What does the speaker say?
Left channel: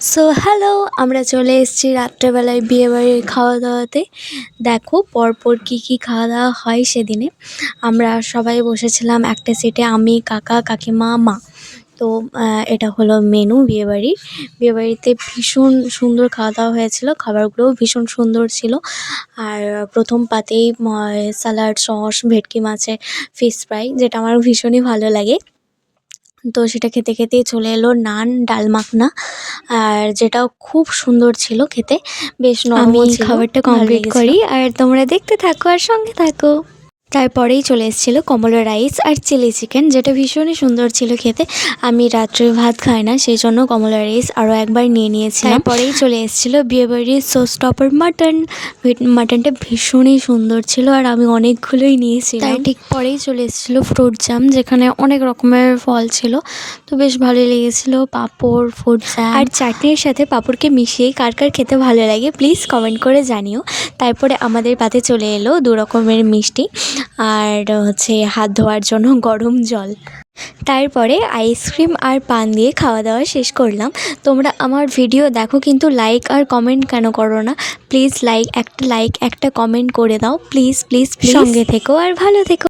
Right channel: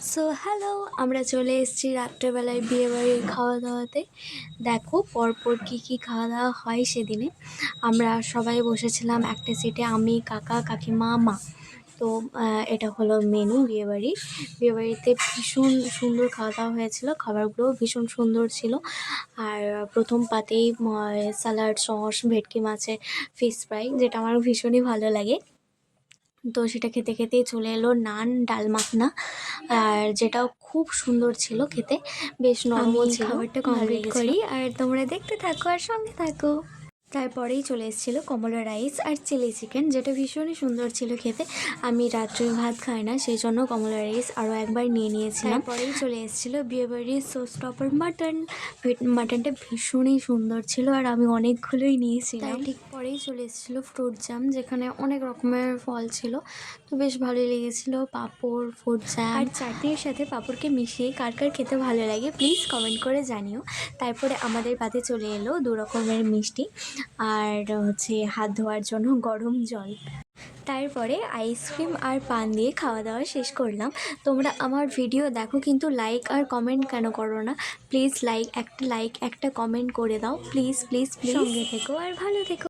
So hello, আমরা চলে এসেছি রাত্রেবেলায় বিয়েবাড়ির খাওয়া দাওয়াতে। দেখো পরপর কী কী খাওয়া দাওয়া হয় সেদিনে। আমরা সবাই বসেছিলাম একটা সিটে, আমি, কাকা, কাকিমা, মা। তো এটা হলো মেনু বিয়েবাড়ির। বিয়েবাড়িতে ভীষণ সুন্দর খাওয়া দাওয়া হয়েছিল, খাবারগুলোও ভীষণ সুন্দর ছিল। আর প্রথম পাতেই স্যালাড, সস, ভেটকি মাছের ফিশ ফ্রাই, যেটা আমার ভীষণই ভালো লাগে। তো সেটা খেতে খেতেই চলে এলো নান, ডাল মাখনা, আর যেটাও খুব সুন্দর ছিল খেতে, বেশ নরমও ছিল। খাবারটা ভালো কমপ্লিট লেগেছিল। করি আর তোমরা দেখতে থাকো আর সঙ্গে থাকো। তারপরেই চলে এসেছিলো কমলা রাইস আর চিলি চিকেন, যেটা ভীষণই সুন্দর ছিল খেতে। আমি রাত্রে ভাত খাই না, সেই জন্য কমলা রাইস আরও একবার নিয়ে নিয়েছিলাম। তারপরেই চলে এসেছিলো বিয়েবাড়ির শো স্টপার মাটন। মাটনটা ভীষণই সুন্দর ছিল আর আমি অনেকগুলোই নিয়েছিলাম। তার ঠিক পরেই চলে এসেছিলো ফ্রুট জ্যাম, যেখানে অনেক রকমের ফল ছিল, তো বেশ ভালোই লেগেছিলো। পাঁপড়, ফ্রুট জ্যাম আর চাটনির সাথে পাঁপড়কে মিশিয়ে কার কার খেতে ভালো লাগে প্লিজ কমেন্ট করে জানিও। তারপরে আমাদের পাতে চলে এলো 2 রকমের মিষ্টি আর হচ্ছে হাত ধোয়ার জন্য গরম জল। তারপরে আইসক্রিম আর পান দিয়ে খাওয়া দাওয়া শেষ করলাম। তোমরা আমার ভিডিও দেখো কিন্তু লাইক আর কমেন্ট কেন করো না? প্লিজ একটা লাইক একটা কমেন্ট করে দাও, প্লিজ প্লিজ প্লিজ। সঙ্গে থেকো আর ভালো থেকো।